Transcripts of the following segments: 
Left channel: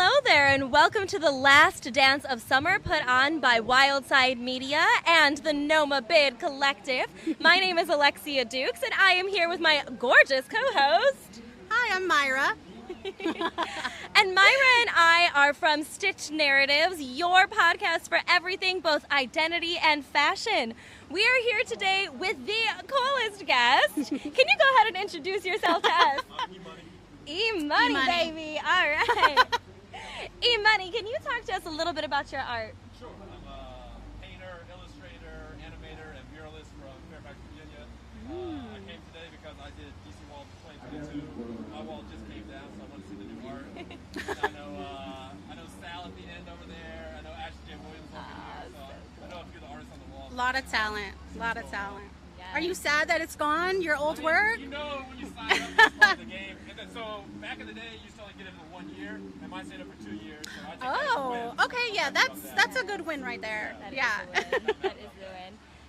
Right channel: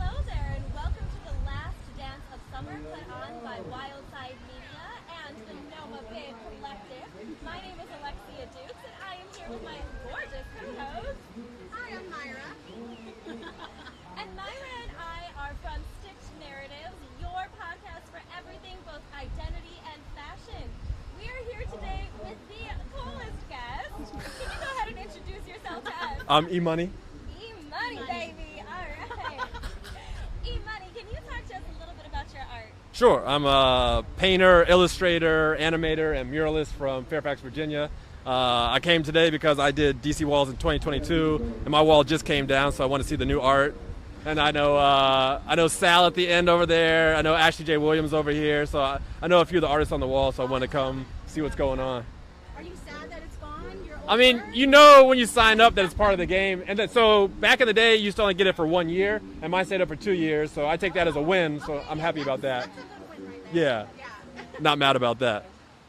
Hello there, and welcome to the last dance of summer put on by Wildside Media and the NoMa Bid Collective. My name is Alexia Dukes, and I am here with my gorgeous co-host. Hi, I'm Myra. And Myra and I are from Stitch Narratives, your podcast for everything, both identity and fashion. We are here today with the coolest guest. Can you go ahead and introduce yourself to us? I'm E-Money. E-Money, baby. All right. E-Money, can you talk to us a little bit about your art? Sure. I'm a painter, illustrator, animator, and muralist from Fairfax, Virginia. I came today because I did DC walls in 2022, and my wall just came down, so I want to see the new art. And I know Sal at the end over there. I know Ashley J. Williams over here. So I know a few of the artists on the wall, so I want to come see what's going on. Are you sad that it's gone, your old I mean, work? you know when you sign up that it's part of the game. And then, so back in the day, you used to only get it for 1 year, and mine stayed up for 2 years, so I take that as a win, so I'm happy about that. That's a good win right there. Yeah. Not mad about that.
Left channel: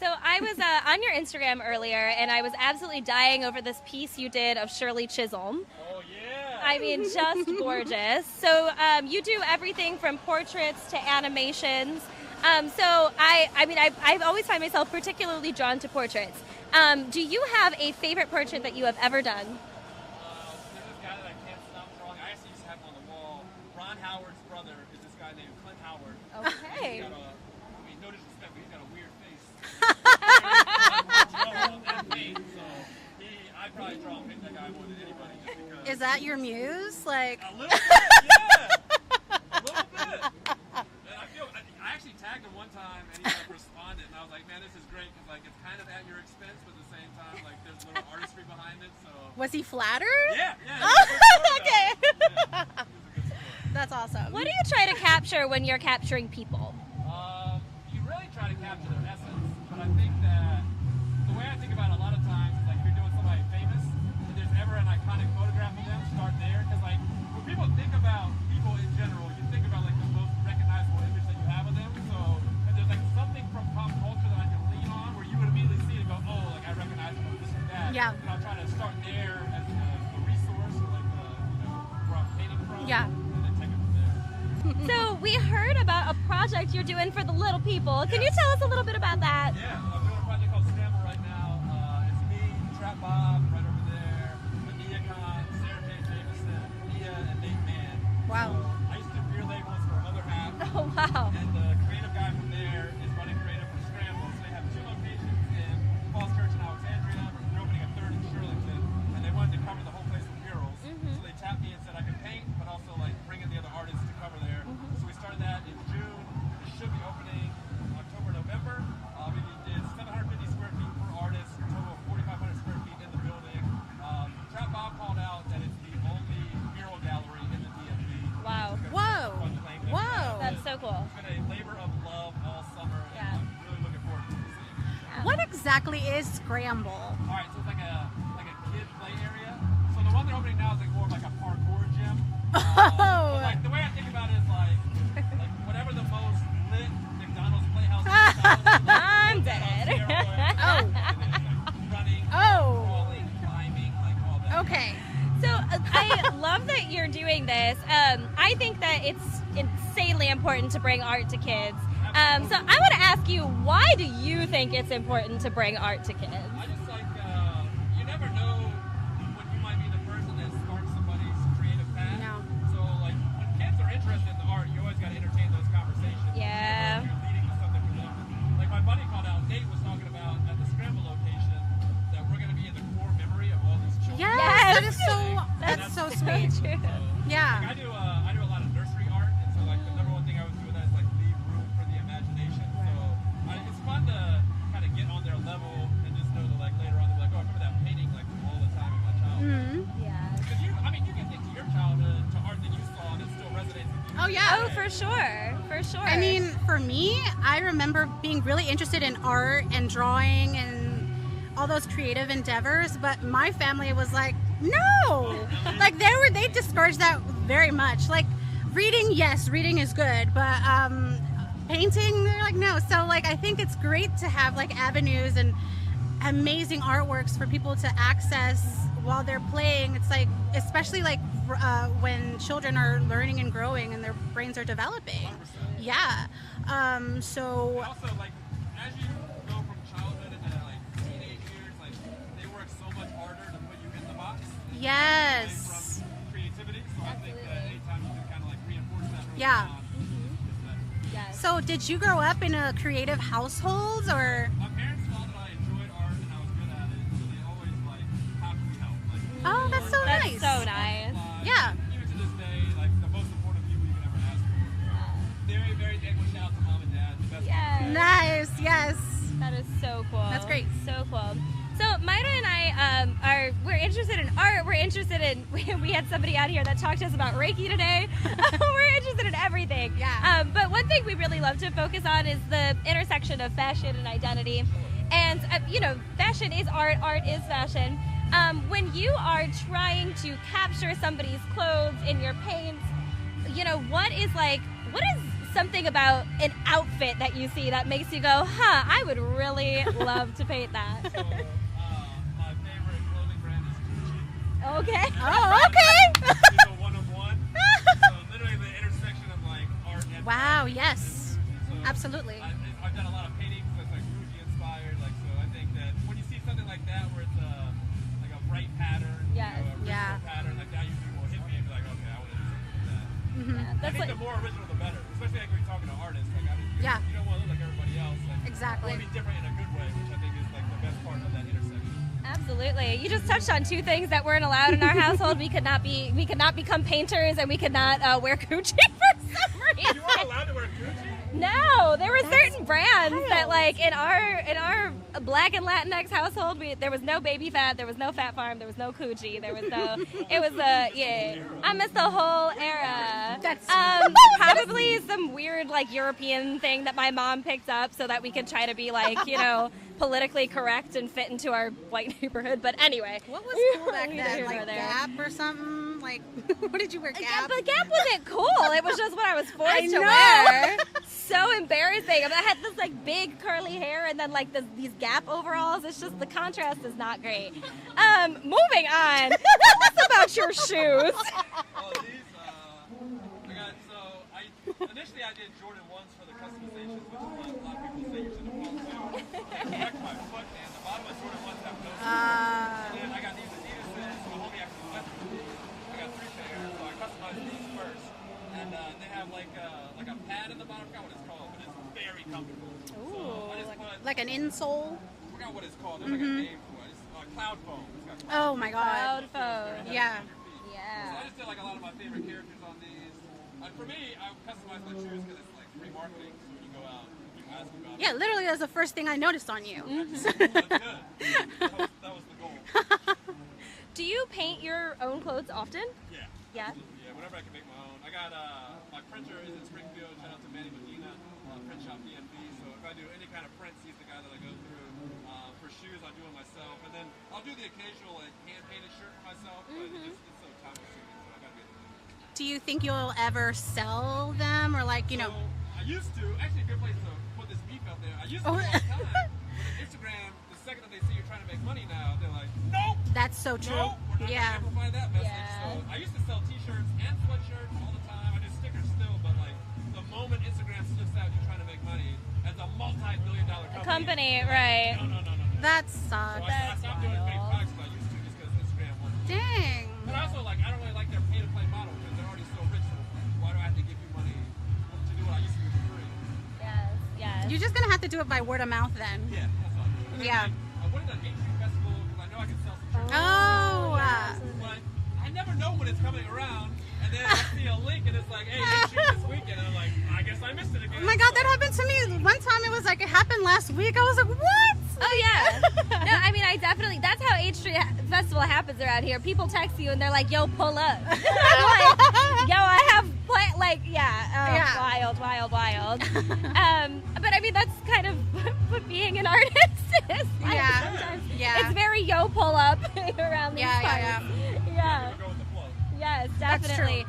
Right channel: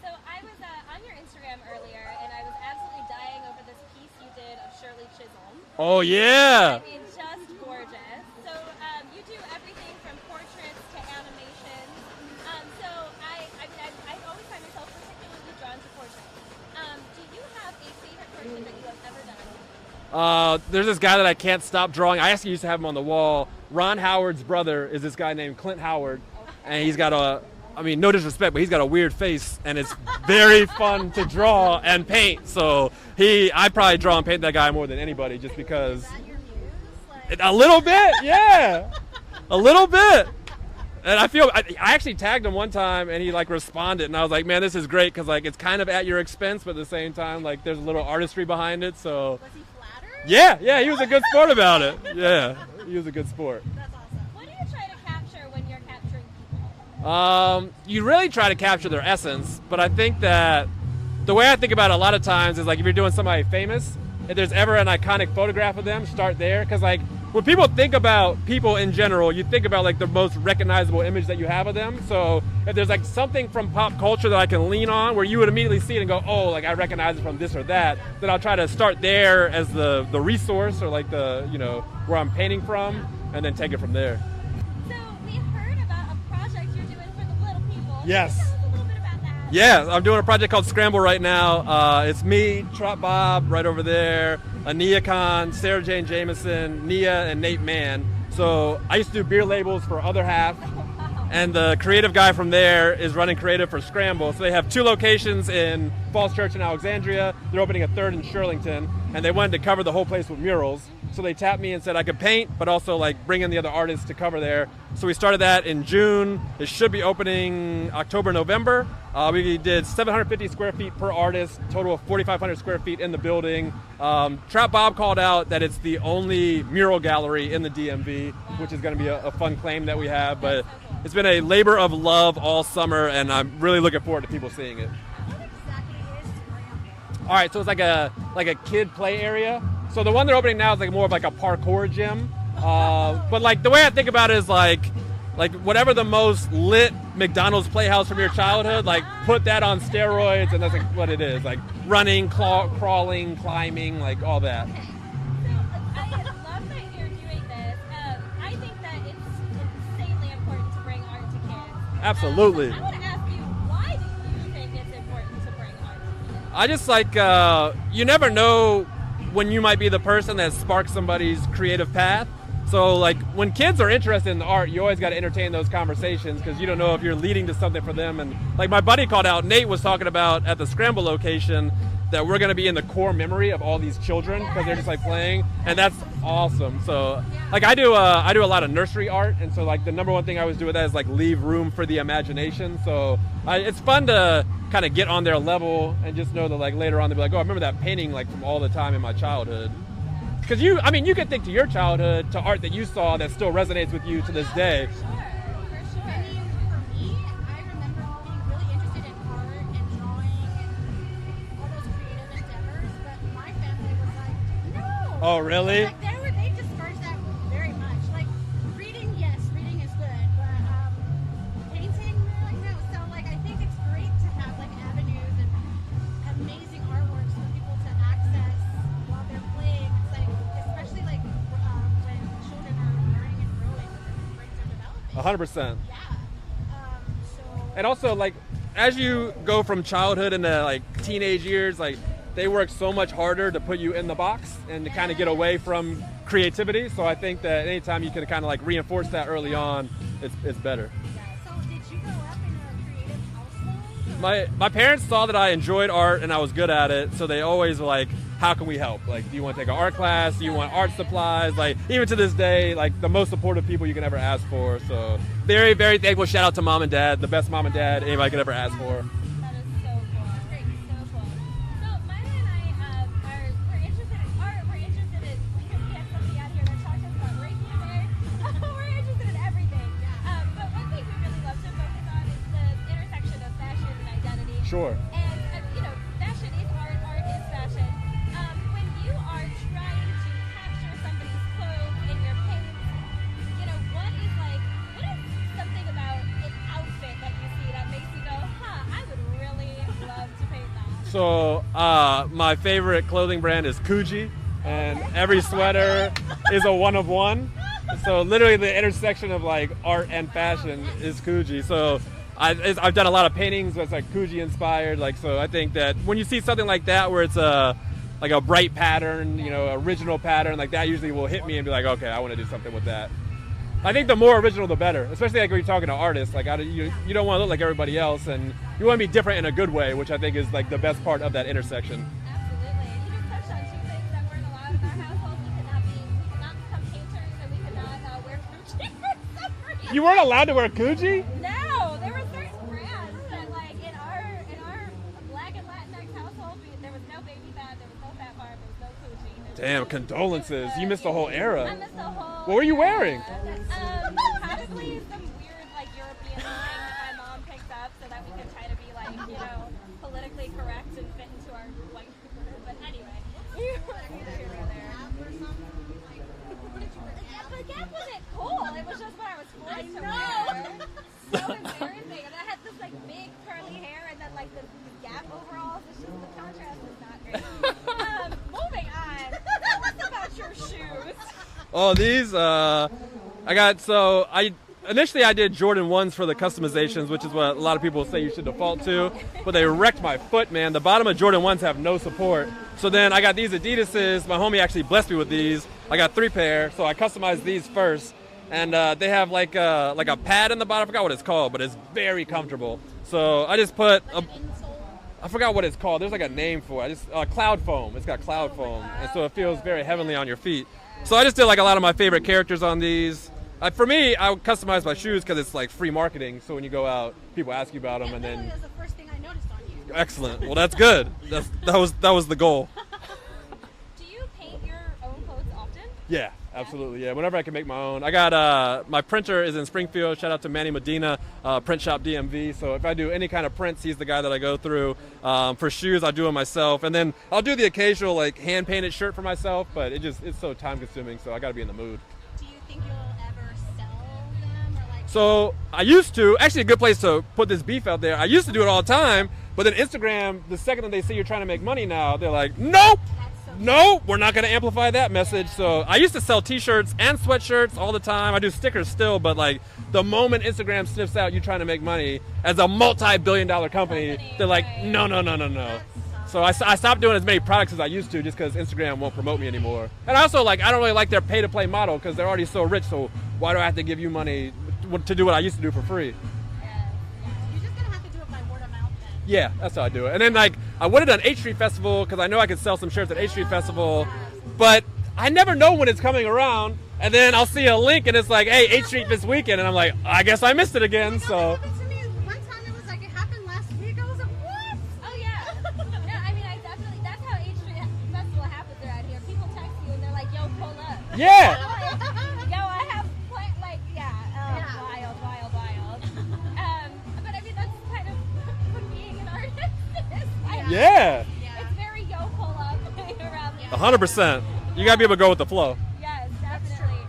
So I was on your Instagram earlier, and I was absolutely dying over this piece you did of Shirley Chisholm. Oh, yeah. I mean, just gorgeous. So you do everything from portraits to animations. So I've always find myself particularly drawn to portraits. Do you have a favorite portrait that you have ever done? There's this guy that I can't stop drawing. I actually used to have him on the wall. Ron Howard's brother is this guy named Clint Howard, and he's got no disrespect, but he's got a weird face, and it's very fun to draw and paint. So I probably draw and paint that guy more than anybody, just because. Is that your muse? A little bit, yeah, a little bit. And I actually tagged him one time, and he responded, and I was like, man, this is great, because it's kind of at your expense, but at the same time, there's a little artistry behind it. So was he flattered? Yeah, he was a good sport about it. Yeah, he was a good sport. That's awesome. What do you try to capture when you're capturing people? You really try to capture their essence, but I think that the way I think about it a lot of times is if you're doing somebody famous, if there's ever an iconic photograph of them, start there, because when people think about people in general, you think about the most recognizable image that you have of them. So if there's something from pop culture that I can lean on where you would immediately see it and go, oh, I recognize it from this or that, then I'll try to start there as the resource, or where I'm painting from, and then take it from there. So we heard about a project you're doing for the little people. Can you tell us a little bit about that? Yeah, I'm doing a project called Scramble right now. It's me, Trot Bob right over there, Ania Khan, Sarah Jane Jameson, Nia, and Nate Mann. Wow. So I used to do beer labels for Other Half. Oh, wow. And the creative guy from there is running creative for Scramble. So they have 2 locations in Falls Church and Alexandria. They're opening a 3rd in Shirlington. And they wanted to cover the whole place with murals. So they tapped me and said I could paint, but also bring in the other artists to cover there. So we started that in June. It should be opening October, November. We did 750 square feet per artist, total of 4,500 square feet in the building. Trap Bob called out that it's the only mural gallery in the DMV, which is going to be a fun claim that we have. But so cool. It's been a labor of love all summer, and I'm really looking forward to people seeing it. What exactly is Scramble? All right, so it's like a kid play area. So the one they're opening now is more of a parkour gym. But the way I think about it is like whatever the most lit McDonald's playhouse of your childhood, put that on steroids, and that's what it is. Running, crawling, climbing, all that. Okay. So I love that you're doing this. I think that it's insanely important to bring art to kids. Absolutely. So I want to ask you, why do you think it's important to bring art to kids? I just you never know when you might be the person that sparks somebody's creative path. So when kids are interested in the art, you always got to entertain those conversations, because you don't know if you're leading to something for them. And my buddy called out, Nate was talking about at the Scramble location, that we're going to be in the core memory of all these children because they're just playing, and that's so awesome. So I do a lot of nursery art, and so the number one thing I always do with that is leave room for the imagination. So it's fun to kind of get on their level and just know that later on they'll be oh, I remember that painting from all the time in my childhood. Because you can think to your childhood, to art that you saw that still resonates with you to this day. For sure. I mean, for me, I remember being really interested in art and drawing and all those creative endeavors, but my family was no. Oh, really? They discouraged that very much. Reading, yes, reading is good, but painting, they're no. So I think it's great to have avenues and amazing artworks for people to access while they're playing, it's like, especially like when children are learning and growing and their brains are developing. 100%. Yeah. So. And also, like, as you go from childhood into like teenage years, like they work so much harder to put you in the box and to kind of get away from creativity. So I think that anytime you can kind of like reinforce that early on, it's better. So did you grow up in a creative household, or? My parents saw that I enjoyed art and I was good at it, so they always were like, how can we help? Like, do you want to take an art class? Do you want art supplies? Like, even to this day, like the most supportive people you can ever ask for. So very, very thankful. Shout out to mom and dad, the best mom and dad anybody could ever ask for. That is so cool. That's great. So cool. So Maida and I we're interested in art. We're interested in, we had somebody out here that talked to us about Reiki today. We're interested in everything. Yeah. But one thing we really love to focus on is the intersection of fashion and identity. Sure. And, fashion is art, art is fashion. When you are trying to capture somebody's clothes in your paints, what is something about an outfit that you see that makes you go, I would really love to paint that? So my favorite clothing brand is Coogee, and every Oh, sweater is a one of one. So literally the intersection of like art and fashion is Coogee. So absolutely. I've done a lot of paintings that's like Coogee inspired. Like, so I think that when you see something like that where it's like a bright pattern, original pattern, like that usually will hit me and be like, okay, I want to do something with that. I think the more original, the better. Especially like when you're talking to artists, like you don't want to look like everybody else, and you want to be different in a good way, which I think is like the best part of that intersection. Absolutely. You just touched on two things that weren't allowed in our household. We could not become painters, and we could not wear Coogee for some reason. You weren't allowed to wear Coogee? No, there were certain brands that, like, in our Black and Latinx household, there was no Baby Fat, there was no Fat Farm, there was no Coogee. There was Damn, condolences. You missed the whole era. I missed the whole What were you era. wearing? Probably some weird, like, European thing that my mom picked up so that we could try to be, like, politically correct and fit into our white neighborhood. But anyway. What was cool back then? Like Gap or something? Like, what did you wear, Gap? But Gap wasn't cool. It was just what I was forced to wear. So embarrassing. I mean, I had this like big curly hair and then like these Gap overalls. It's just the contrast is not great. Moving on. Tell us about your shoes. Oh, these initially I did Jordan 1s for the customizations, which is what a lot of people say you should default to, but they wrecked my foot, man. The bottom of Jordan 1s have no support. So then I got these Adidases. My homie actually blessed me with these. I got 3 pair, so I customized these first. And they have like a pad in the bottom. I forgot what it's called, but it's very comfortable. So I just put like an insole. I forgot what it's called. There's like a name for it. Cloud foam. It's got cloud foam, my God. and so it feels very heavenly on your feet. Yeah. So I just did like a lot of my favorite characters on these. For me, I would customize my shoes because it's like free marketing. So when you go out, people ask you about them. Yeah, literally, that was the first thing I noticed on you. Excellent. Well, that's good. That was the goal. Do you paint your own clothes often? Yeah, absolutely. Yeah, whenever I can make my own. I got my printer is in Springfield. Shout out to Manny Medina, Print Shop DMV. So if I do any kind of prints, he's the guy that I go through. For shoes, I do it myself, and then I'll do the occasional like hand painted shirt for myself. But it's so time consuming. So I got to be in the mood. Do you think you'll ever sell them or like? I used to. Actually, a good place to put this beef out there. I used to do it all the time. But then Instagram, the second that they see you're trying to make money now, they're like, nope. That's so true. Nope, we're not going to amplify that message. So I used to sell T-shirts and sweatshirts all the time. I do stickers still, but like the moment Instagram sniffs out you trying to make money as a multi-billion-dollar company, they're like, no. That sucks. So I stopped doing as many products as I used to just because Instagram won't promote me anymore. And also, like, I don't really like their pay-to-play model because they're already so rich. So why do I have to give you money to do what I used to do for free? You're just gonna have to do it by word of mouth then. Yeah, that's how I do it. And then like I would have done H Street Festival because I know I could sell some shirts at H Street Festival, but I never know when it's coming around. And then I'll see a link and it's like, hey, H Street this weekend, and I'm like, I guess I missed it again. Oh my God, that happened to me one time. It was like it happened last week. I was like, what? Oh yeah. No, I mean I definitely. That's how H Street Festival happens around here. People text you and they're like, "Yo, pull up." Yeah. Like, yo, I have wild. But I mean that's kind of what being an artist is. Yeah. It's very yo pull up around. 100%. You gotta be able to go with the flow. Yes, definitely.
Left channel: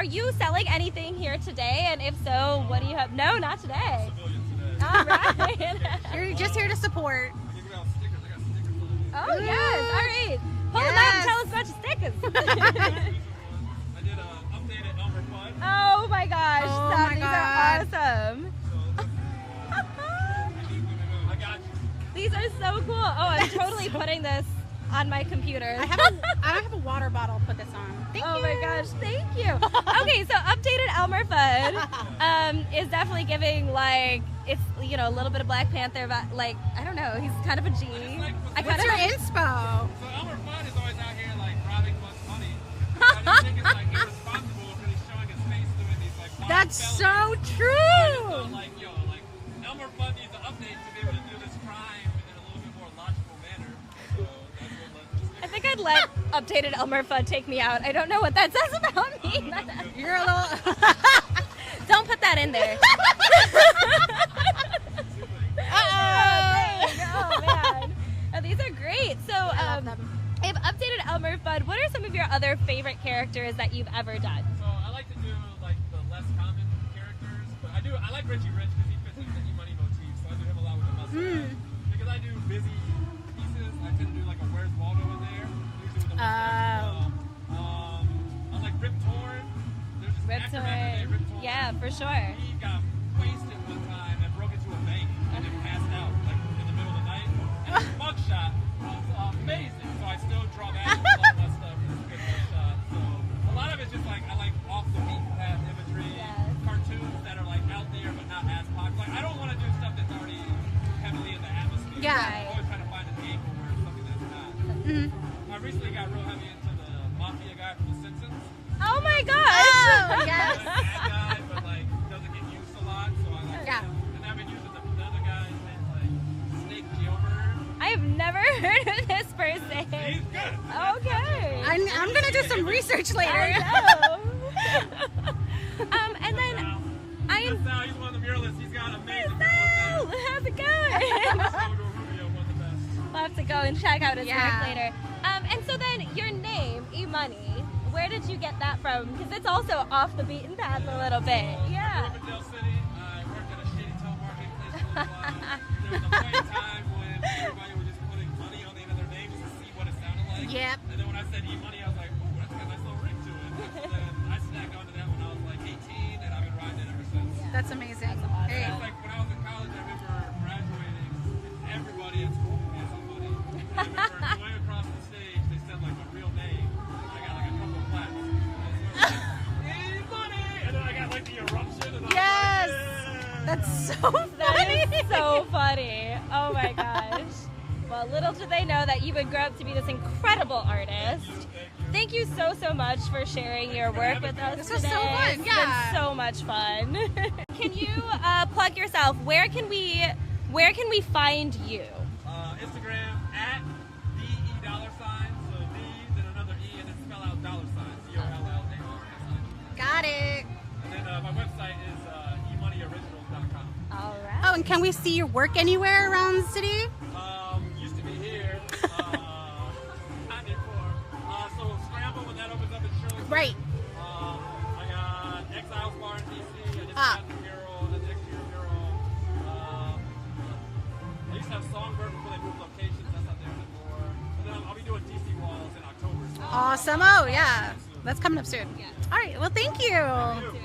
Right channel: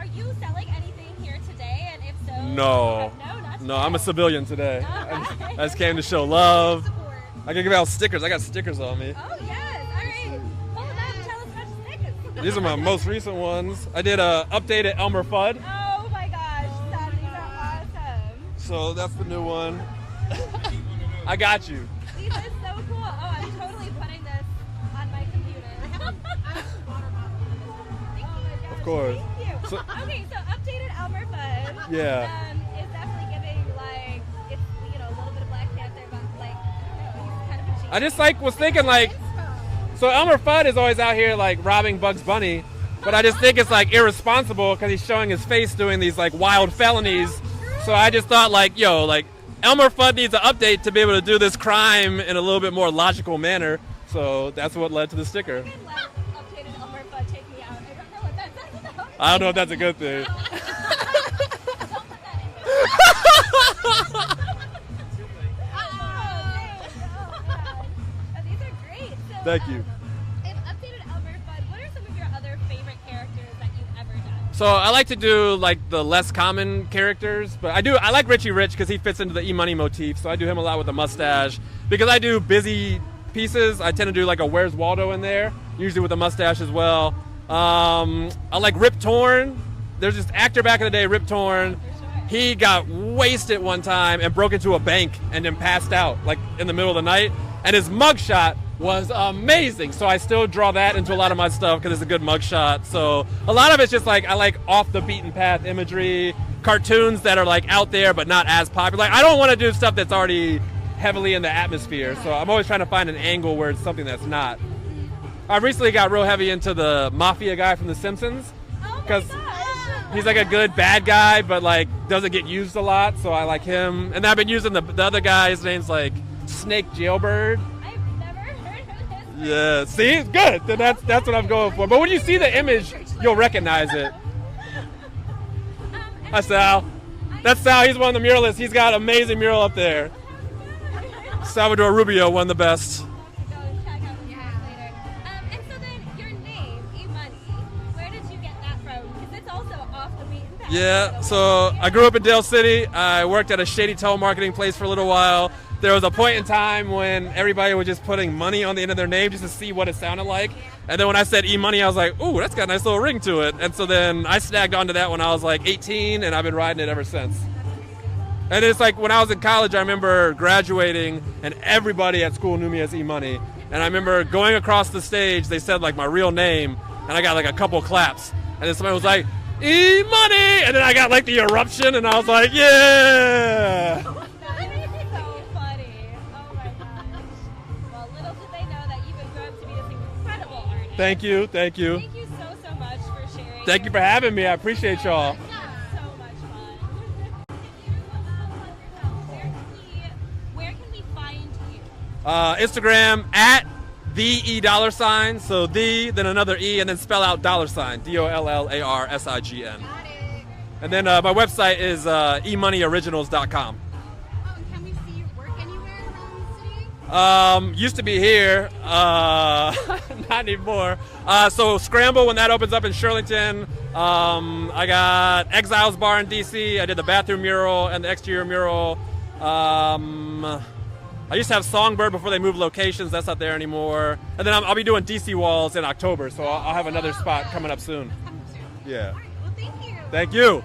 are you selling anything here today? And if so, No. what do you have? No, not today. No, I'm a civilian today. All right. I just came to show You're just here to love. support. I can give out stickers. I got stickers on me. Oh, yes. All right. Pull them out and tell us about your stickers. These are my most recent ones. I did a updated Elmer Fudd. Oh, my gosh. Oh, my These God. are awesome. So that's the new one. I got you. These are so cool. Oh, I'm totally putting this on my computer. I have a water bottle to put this on. Thank Oh you. my gosh, Of course. thank you. Okay, so updated Elmer Fudd Yeah. is definitely giving like it's a little bit of Black Panther, but like I don't know, he's kind of a genius. I just was I thinking got your like, inspo. so Elmer Fudd is always out here like robbing Bugs Bunny, but I just think it's like irresponsible because he's showing his face doing these like wild That's felonies. so true. So I just thought like, Elmer Fudd needs an update to be able to do this crime in a little bit more logical manner. So that's what led to the I sticker. think I'd let updated Elmer Fudd take me out. I don't know what that says about me. I don't know if that's a good You're a thing. little- Don't put that in there. Oh man. Oh, these are great. So Thank you. I've updated Elmer Fudd. What are some of your other favorite characters that you've ever done? So I like to do like the less common characters, but I like Richie Rich because he fits into the E-Money motif. So I do him a lot with the mustache. Because I do busy pieces, I tend to do like a Where's Waldo in there, usually with a mustache as well. I like Rip Torn. There's this actor back in the day, Rip Torn. Yeah, for sure. He got wasted one time and broke into a bank and then passed out like in the middle of the night. And his mugshot was amazing. So I still draw that into a lot of my stuff because it's a good mugshot. So a lot of it's just like I like off the beaten path imagery, cartoons that are like out there but not as popular. Like I don't want to do stuff that's already heavily in the atmosphere. Yeah. So I'm always trying to find an angle where it's something that's not. I recently got real heavy into the mafia guy from The Simpsons. Oh my 'Cause gosh. He's like a good bad guy, but like doesn't get used a lot, so I like him. And I've been using the other guy. His name's like Snake Jailbird. I've never heard of this person. Yeah, see, good. Then that's what I'm going for. But when you I'm see gonna do the some image, research you'll later. recognize it. And That's then Sal. That's Sal. He's one of the muralists. He's got an amazing mural up there. How's it going? Salvador Rubio, one of the best. We'll have to go and check out his Yeah. work later. And so then your name, E-Money, where did you get that from? Because it's also off the beaten path a Yeah, little so bit. I grew up in Dale City. I worked at a shady telemarketing place for a little while. There was a point in time when everybody was just putting money on the end of their name just to see what it sounded like. Yep. And then when I said E-Money, I was like, ooh, that's got a nice little ring to it. And so then I snagged onto that when I was like 18, and I've been riding it ever since. That's amazing. And it's like when I was in college, I remember graduating, and everybody at school knew me as E-Money. And I remember going across the stage, they said like my real name, and I got like a couple claps. And then somebody was like, E-Money! And then I got like the eruption, and I was like, yeah! That is so funny. Oh my gosh. Well, little did they know that you would grow up to be this incredible artist. Thank you, thank you. Thank you so much for sharing. Thank your you for work having with me. I us. appreciate This was y'all. so fun. It's been so much fun. Can you plug yourself? Where can we find you? Instagram at the E $sign. So the, then another E, and then spell out $sign. DOLLARSIGN. Got it. And then my website is emoneyoriginals.com. All right. Oh, and can we see your work anywhere around the city? Used to be here, not anymore. So Scramble, when that opens up in Shirlington. I got Exiles Bar in DC. I did the bathroom mural and the exterior mural. I used to have Songbird before they moved locations. That's not there anymore. And then I'll be doing DC Walls in October, so I'll have Awesome. another Oh, spot yeah. coming up soon. That's coming up soon. Yeah. All right. Well, thank you. Thank you.